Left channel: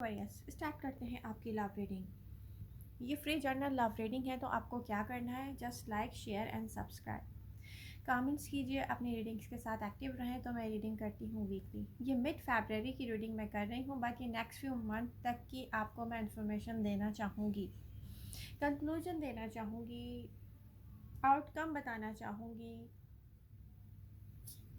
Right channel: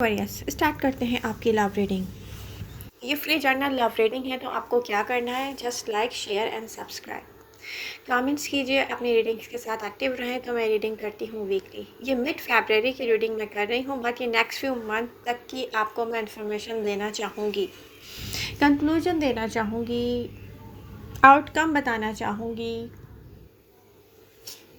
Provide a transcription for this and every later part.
Yes, start करते हैं आपकी लव रीडिंग। ये फ्री जर्नल लव रीडिंग है, तो आपको क्या करना है, just like, share and subscribe. Comments कीजिए, अपनी रीडिंग्स के साथ एक्टिव रहें। तो मैं रीडिंग करती हूँ वीकली। ये मिड फरवरी की रीडिंग मैं कर रही हूँ, बट ये नेक्स्ट फ्यू मंथ तक की आपको मैं इन्फॉर्मेशन देना चाहूँगी, कंक्लूजन देना चाहूँगी, आउटकम बताना चाहूँगी,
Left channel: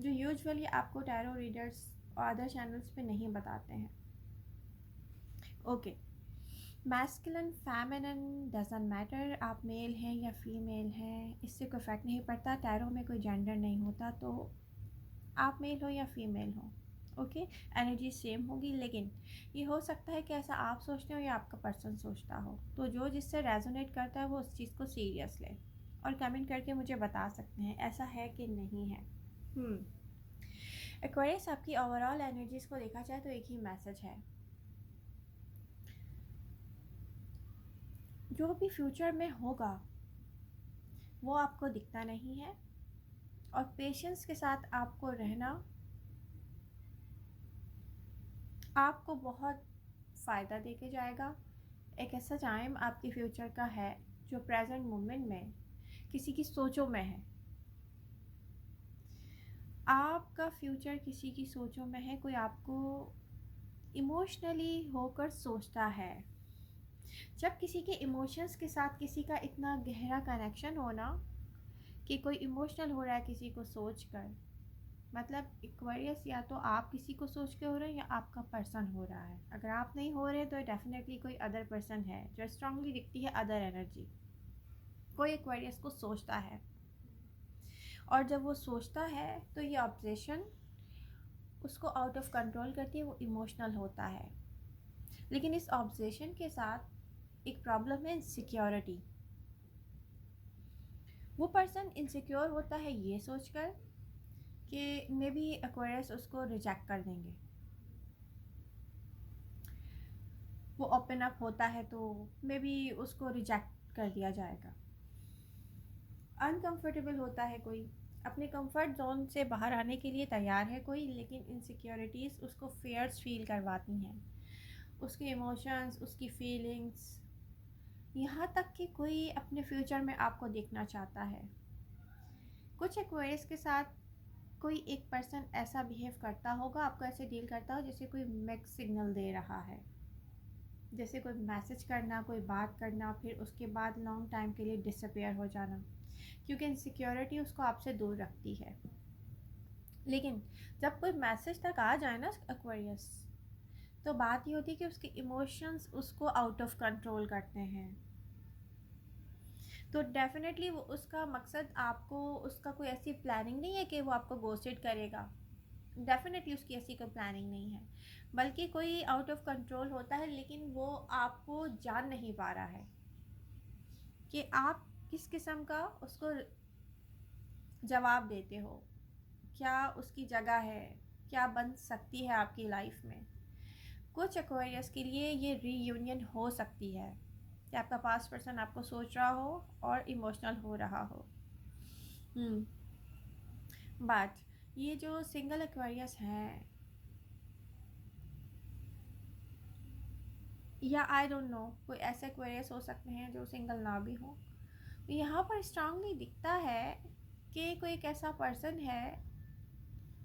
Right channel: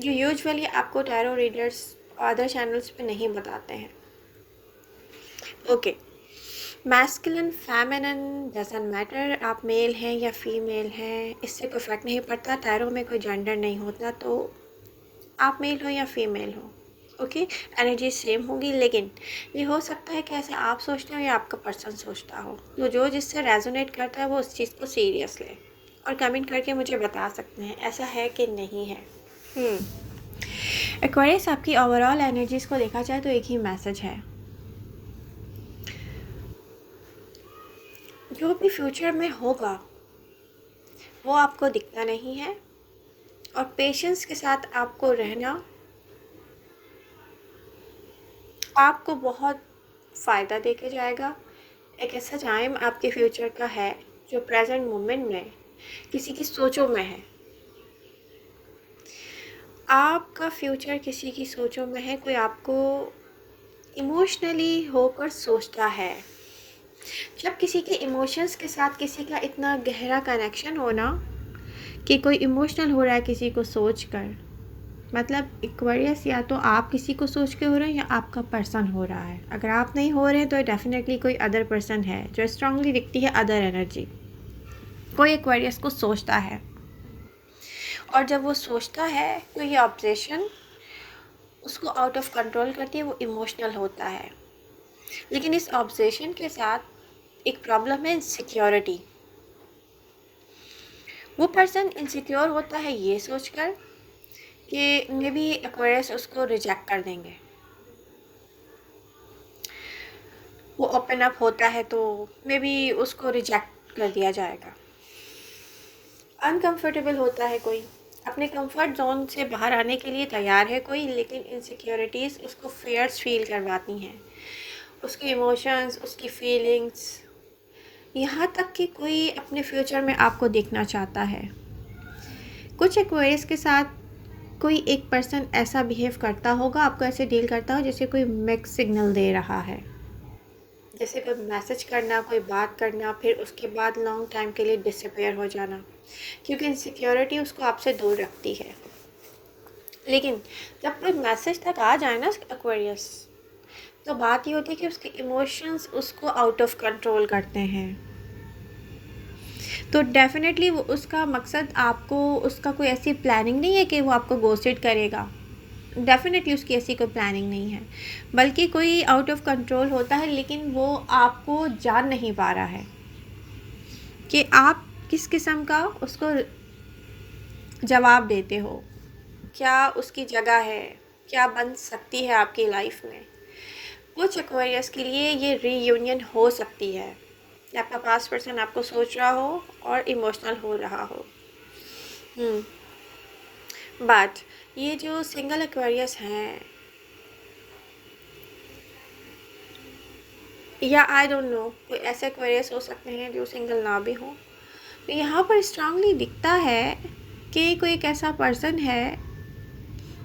जो यूजुअली आपको टैरो रीडर्स अदर चैनल्स पे नहीं बताते हैं। Okay, masculine feminine doesn't matter, आप मेल हैं या फीमेल हैं, इससे कोई फ़र्क नहीं पड़ता। टैरो में कोई जेंडर नहीं होता, तो आप मेल हो या फीमेल हो, ओके, एनर्जी सेम होगी। लेकिन ये हो सकता है कि ऐसा आप सोचते हो या आपका पर्सन सोचता हो, तो जो जिससे रेजोनेट करता है वो उस चीज़ को सीरियस ले और कमेंट करके मुझे बता सकते हैं ऐसा है कि नहीं है। एक्वेरियस, आपकी ओवरऑल एनर्जीज़ को देखा जाए तो एक ही मैसेज है, जो भी फ्यूचर में होगा वो आपको दिखता नहीं है, और पेशेंस के साथ आपको रहना आपको बहुत फ़ायदा देके जाएगा। एक ऐसा टाइम आपके फ्यूचर का है जो प्रेजेंट मोमेंट में किसी की सोचों में है। आपका फ्यूचर किसी की सोचों में है, कोई आपको इमोशनली होकर सोचता है। जब किसी के इमोशंस के साथ किसी का इतना गहरा कनेक्शन होना कि कोई इमोशनल हो रहा है किसी को सोच कर, मतलब एक्वेरियस या तो आप किसी को सोच के हो रहे हैं या आपका पर्सन हो रहा है। अगर आप नहीं हो रहे हैं तो डेफिनेटली कोई अदर पर्सन है, जो स्ट्रांगली दिखती है अदर एनर्जी। कोई एक्वेरियस को सोचता है, और जब वो सोचता है तो ये ऑब्सेशन उसको आउट ऑफ कंट्रोल करती है, वो इमोशनल होता है। लेकिन इस ऑब्सेशन के साथ एक प्रॉब्लम है, इनसिक्योरिटी। वो पर्सन इनसिक्योर होता है ये सोचकर कि मे बी एक्वेरियस उसको रिजेक्ट कर देंगे। वो ओपन अप होता है तो मे बी उसको रिजेक्ट कर दिया जाएगा। अनकंफर्टेबल होता है कोई, अपने कंफर्ट जोन से बाहर आने के लिए तैयार है कोई, लेकिन इनसिक्योरिटीज़ उसको फियर्स फील करवाती हैं, उसके इमोशंस, उसकी फीलिंग्स, यहाँ तक कि कोई अपने फ्यूचर में आपको देखना चाहता है। कुछ एक्वेरियस के साथ कोई एक पर्सन ऐसा बिहेव करता होगा, आपको ऐसे डील करता हो जैसे कोई मिक्स सिग्नल दे रहा है, जैसे कोई मैसेज करना, कोई बात करना, फिर उसके बाद लॉन्ग टाइम के लिए डिसअपेयर हो जाना, क्योंकि इनसिक्योरिटी उसको आपसे दूर रखती है। लेकिन जब कोई मैसेज तक आ जाए ना एक्वेरियस, तो बात ये होती है कि उसके इमोशंस उसको आउट ऑफ कंट्रोल करते हैं। तो डेफिनेटली वो उसका मकसद आपको, उसका कोई ऐसी प्लानिंग नहीं है कि वो आपको गोस्टेड करेगा। डेफिनेटली उसकी ऐसी कोई प्लानिंग नहीं है, बल्कि कोई आउट ऑफ कंट्रोल होता है, लेकिन वो आपको जान नहीं पा रहा है कि आप किस किस्म का उसको जवाब देते हो, क्या उसकी जगह है, क्या बन सकती है आपकी लाइफ में। कुछ एक्वेरियस के लिए ये रीयूनियन हो सकती है कि आपका पास्ट पर्सन आपको सोच रहा हो और इमोशनल हो रहा हो। बट ये जो सिंगल एक्वेरियस हैं, या आई डोंट नो, कोई ऐसे एक्वेरियस हो सकते हैं जो सिंगल ना भी हो, तो यहाँ पर स्ट्रांगली दिखता है कि कोई एक ऐसा पर्सन है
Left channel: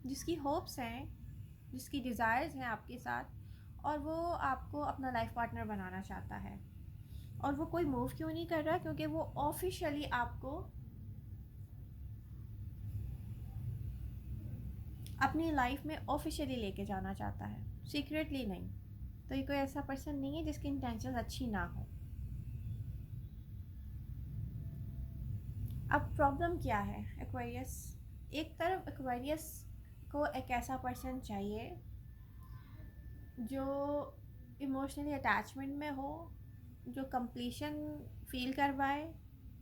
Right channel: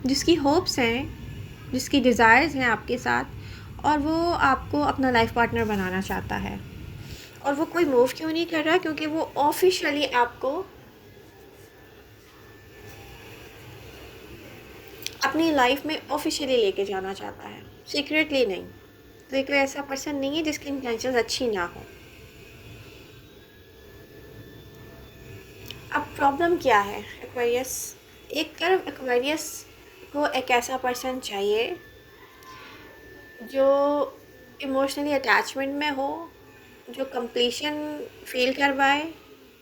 जिसकी होप्स हैं, जिसकी डिज़ायर्स हैं आपके साथ, और वो आपको अपना लाइफ पार्टनर बनाना चाहता है। और वो कोई मूव क्यों नहीं कर रहा, क्योंकि वो ऑफिशियली आपको अपनी लाइफ में ऑफिशियली लेके जाना चाहता है, सीक्रेटली नहीं। तो ये कोई ऐसा पर्सन नहीं है जिसकी इंटेंशंस अच्छी ना हो। अब प्रॉब्लम क्या है, एक्वेरियस, एक तरफ एक्वेरियस को एक ऐसा पर्सन चाहिए जो इमोशनली अटैचमेंट में हो, जो कंप्लीशन फील करवाए,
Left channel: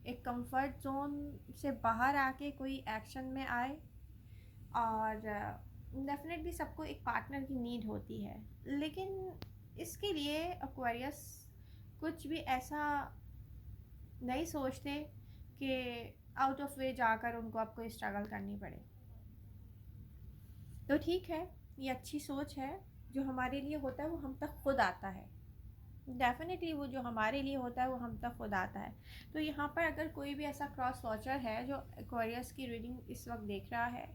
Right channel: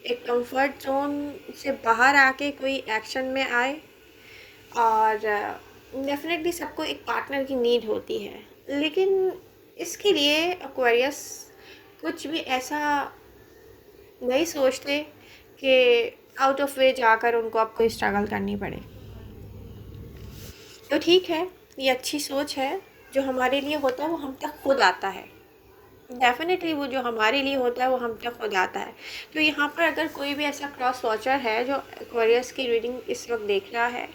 एक कंफर्ट जोन से बाहर आके कोई एक्शन में आए। और डेफिनेटली सबको एक पार्टनर की नीड होती है, लेकिन इसके लिए एक्वेरियस कुछ भी ऐसा नहीं सोचते कि आउट ऑफ वे जाकर उनको आपको स्ट्रगल करनी पड़े। तो ठीक है, ये अच्छी सोच है, जो हमारे लिए होता है वो हम तक खुद आता है। डेफिनेटली वो जो हमारे लिए होता है वो हम तक खुद आता है। तो यहाँ पर अगर कोई भी ऐसा क्रॉस वॉचर है जो एक्वेरियस की रीडिंग इस वक्त देख रहा है,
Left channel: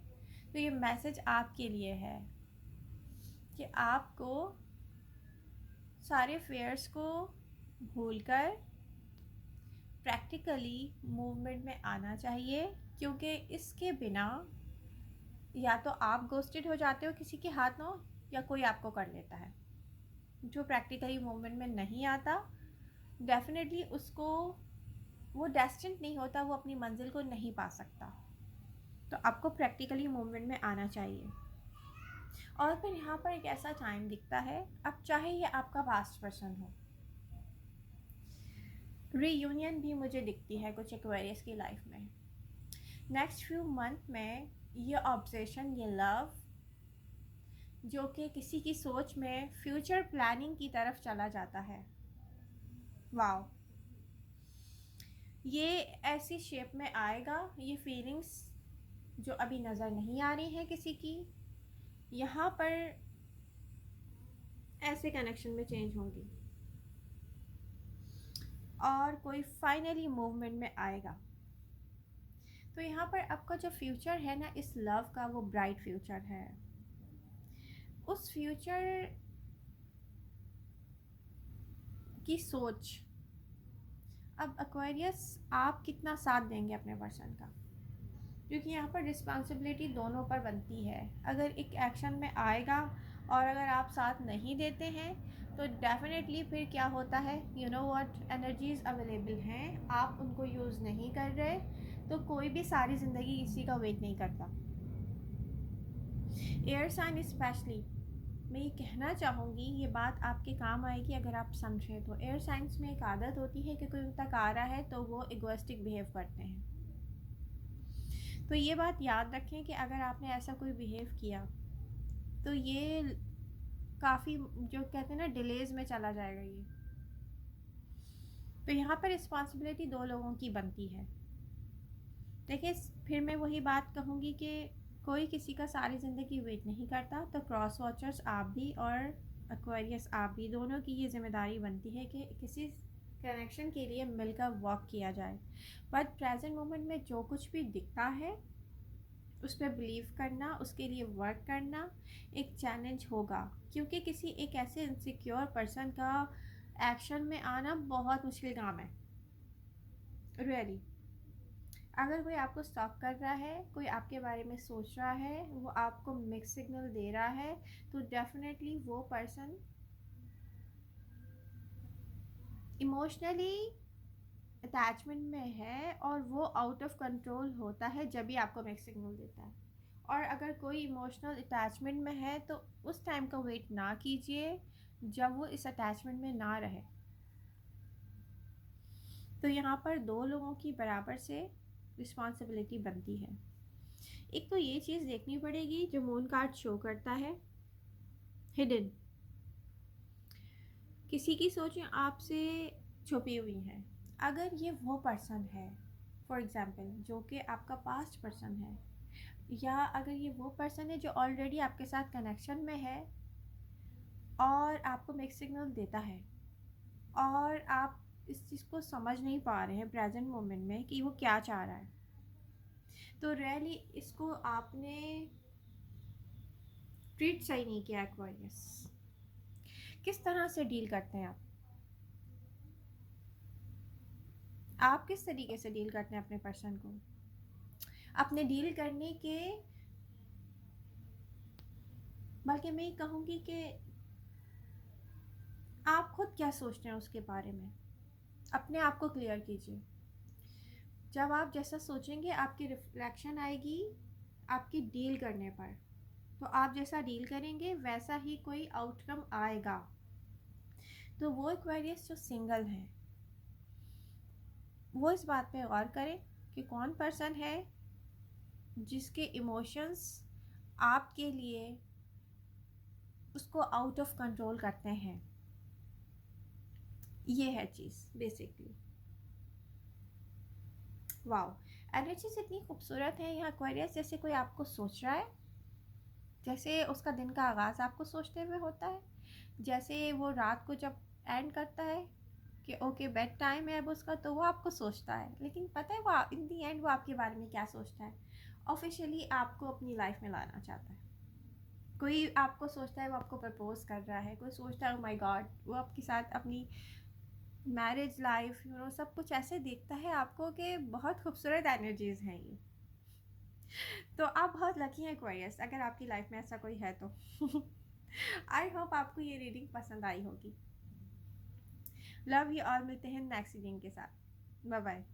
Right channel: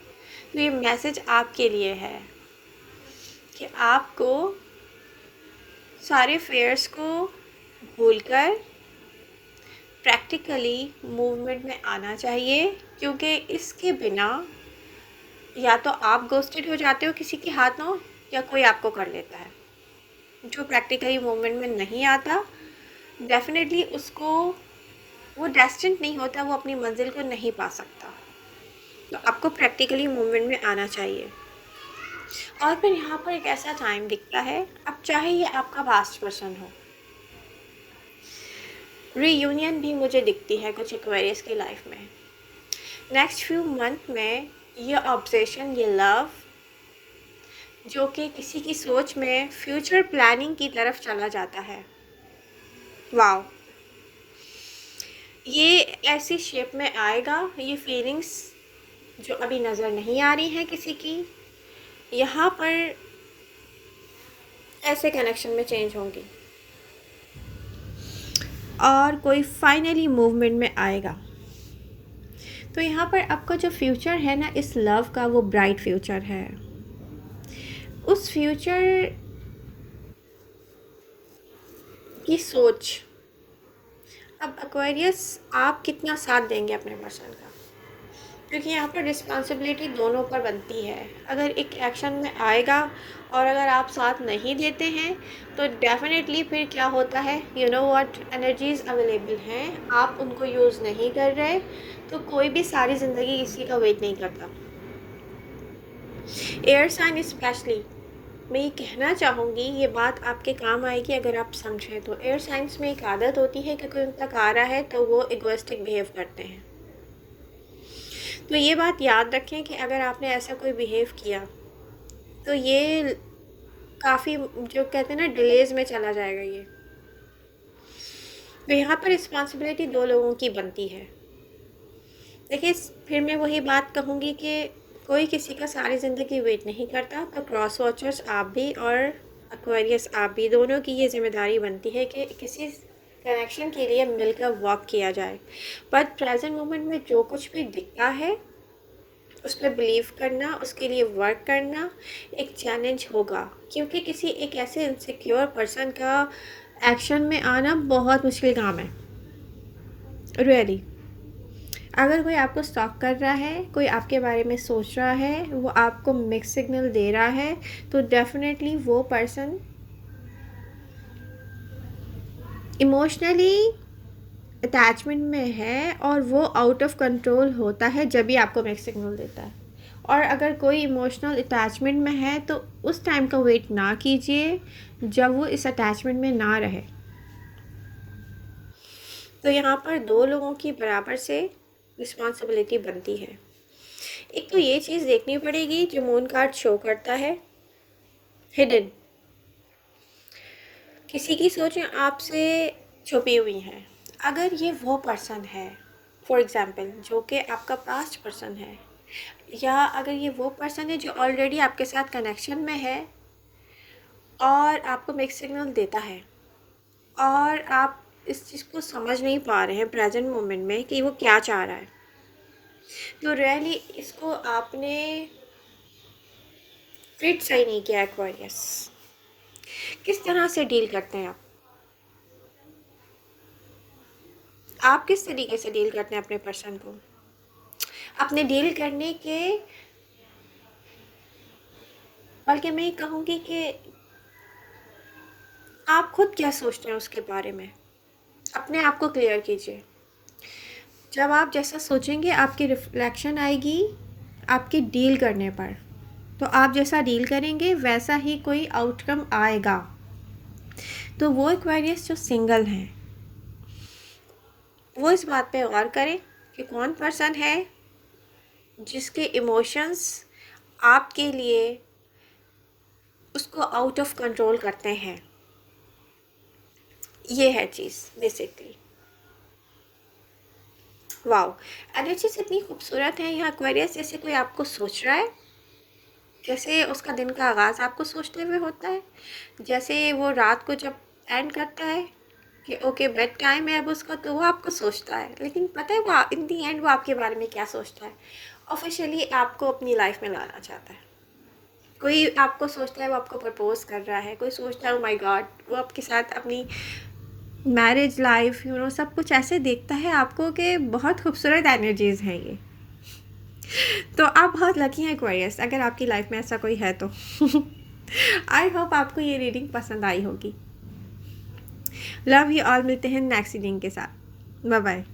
तो ये मैसेज आपके लिए है कि आपको सारे फेयर्स को भूलकर प्रैक्टिकली मूवमेंट में आना चाहिए, क्योंकि इसके बिना या तो आप गोस्टेड हो जाते हो किसी के हाथों, या कोई आपको कर लेता है। जो प्रैक्टिकली मूवमेंट में नहीं आता, डेफिनेटली उसको वो डेस्टिन्ड नहीं होता, वो अपनी मंजिल को नहीं पा सकता। तो आपको प्रैक्टिकली मूवमेंट में आना चाहिए। और फिर यहाँ पर एक ऐसा टाइम दिखता है, अब चाहे ये आपका पास्ट पर्सन हो, रीयूनियन भी मुझे दिखती है कुछ एक्वेरियस की लाइफ में। नेक्स्ट फ्यू मंथ में ये ऑब्सेशन, ये लव जो कि किसी की सोच में फ्यूचर प्लानिंग की तरफ चला जाता है, वाओ, ये ऐसी शेप में आएगा। ये फीलिंग्स जो अभी नज़र नहीं आ रही हैं किसी की, यहाँ पर ऐसे कनेक्शन में चेंज होंगी और कोई फाइनली मूवमेंट में आएगा। तो यहाँ पर आपका जो फ्यूचर है ना इस लव का, वो ब्राइट फ्यूचर है। उस फ्यूचर की सोच, अब एक्वेरियस आप कितना साथ देंगे अपने पर्सन का, क्योंकि यहाँ पर रिस्पॉन्सिबिलिटी दोनों पर बनती है। अगर एक एक्शन में आएगा और अगर आप साथ नहीं देते हैं तो डेफिनेटली फिर क्या होता है, you know what, energies available हैं, आप उनको यूज़ नहीं कर रहे, तो कोई भी सारी ज़िंदगी किसी का वेट नहीं करता। एयर साइन स्पेशली, मैं ये कहना चाहूँगी, ये बात आपके काम आएगी अगर आप समझें तो। एयर साइंस में एक आदत होती है कि कोई उन तक आ रहा है तो वो इगोइस्टिक बिहेव करते हैं। तो ये बात याद रखें कि अगर आपने ऐसा कोई बिहेव किया तो ये काफ़ी, जो कहते हैं ना, डिलेज़ में चला जाएगा ये। तो यहाँ पर रिस्पॉन्सिबिलिटी दो लोगों की बनती है। देखिए, फिर मैं वही बात कहूँगी कि कोई किसी का सारी ज़िंदगी वेट नहीं करता, तो क्रॉस वॉचर्स आप भी और एक्वेरियस आप भी, दोनों की ये जिम्मेदारी बनती है कि किसी कनेक्शन के लिए मिलकर वर्क किया जाए। बट प्रेजेंट मोमेंट में जो कुछ भी दिखता है उस पर बिलीव करना, उसके लिए वर्क करना एक चैलेंज होगा, क्योंकि किसी एक ऐसे इनसिक्योर पर्सन का एक्शन में आना बहुत मुश्किल काम है, रियली। अगर कोई आपको स्टॉक कर रहा है, कोई आपके बारे में सोच रहा है, वो आपको मिक्स सिग्नल दे रहा है, तो डेफिनेटली वो पर्सन इमोशनली अटैचमेंट में है और वो आउट ऑफ कंट्रोल होता है जब भी आपको मिक्स सिग्नल देता है। और अगर कोई इमोशनल अटैचमेंट में है तो उस टाइम का वेट ना कीजिए जब वो इस अटैचमेंट में ना रहे। तो यहाँ पर दो लोगों की बराबर से रिस्पॉन्सिबिलिटी बनती है। एक तो ये चीज़ देखनी पड़ेगी जो मून कार्ड शो करता है, हिडन, किसी की सोचें आपसे छुपी हुई हैं। अगर ये वो पर्सन है, फॉर एग्ज़ाम्पल, जो कि आपका पास्ट पर्सन है, या अगर ये वो पर्सन है जो ऑलरेडी आपके साथ कनेक्शन में है और आपको मिक्स सिग्नल देता है और आप इस चीज़ को समझ नहीं पा रहे हैं प्रेजेंट मोमेंट में कि वो क्या चाह रहा है, तो रियली इसको आपने ट्रीट सही नहीं किया। एक्वेरियस, किस तरह से डील करते हैं आप किस तरीके से डील करते हैं अपने पर्सन को? अपने डील करने के, बल्कि मैं ये कहूँगी कि आप खुद क्या सोचते हैं उसके बारे में, अपने आप को क्लियर कीजिए। जब आप जैसा सोचेंगे आपकी रिफ्लेक्शन आएगी आपके डील करने पर, तो आप जैसा डील करेंगे वैसा ही कोई आउटकम आएगा। तो वो एक्वेरियस जो सिंगल हैं वो इस बात पे गौर करें कि कौन पर्सन है जिसके इमोशंस आपके लिए उसको आउट ऑफ कंट्रोल करते हैं। ये है चीज़ बेसिकली। वाओ, एनर्जीज इतनी खूबसूरत है यहाँ एक्वेरियस, जैसे कोई आपको सोच रहा है जैसे उसका दिन का आगाज़ आपको सोचते हुए होता है, जैसे वो रात को जब एंड करता है कि ओके बेड टाइम है अब उसका, तो वो आपको सोचता है, लेकिन पता है वो इन दी एंड वो आपके बारे में क्या सोचता है? ऑफिशियली आपको अपनी लाइफ में लाना चाहता है। कोई आपको सोचता है वो आपको प्रपोज कर रहा है, कोई सोचता है ओ माय गॉड वो आपके साथ अपनी मैरिज लाइफ सब कुछ ऐसे देखता है आपको कि बहुत खूबसूरत एनर्जीज हैं ये। तो आप बहुत लकी हैं एक्वेरियस, अगर आपकी लाइफ में ऐसा कोई है तो। आई होप आपको ये रीडिंग पसंद आई होगी। लव यू ऑल, मिलते हैं नेक्स्ट रीडिंग के साथ। Bye bye.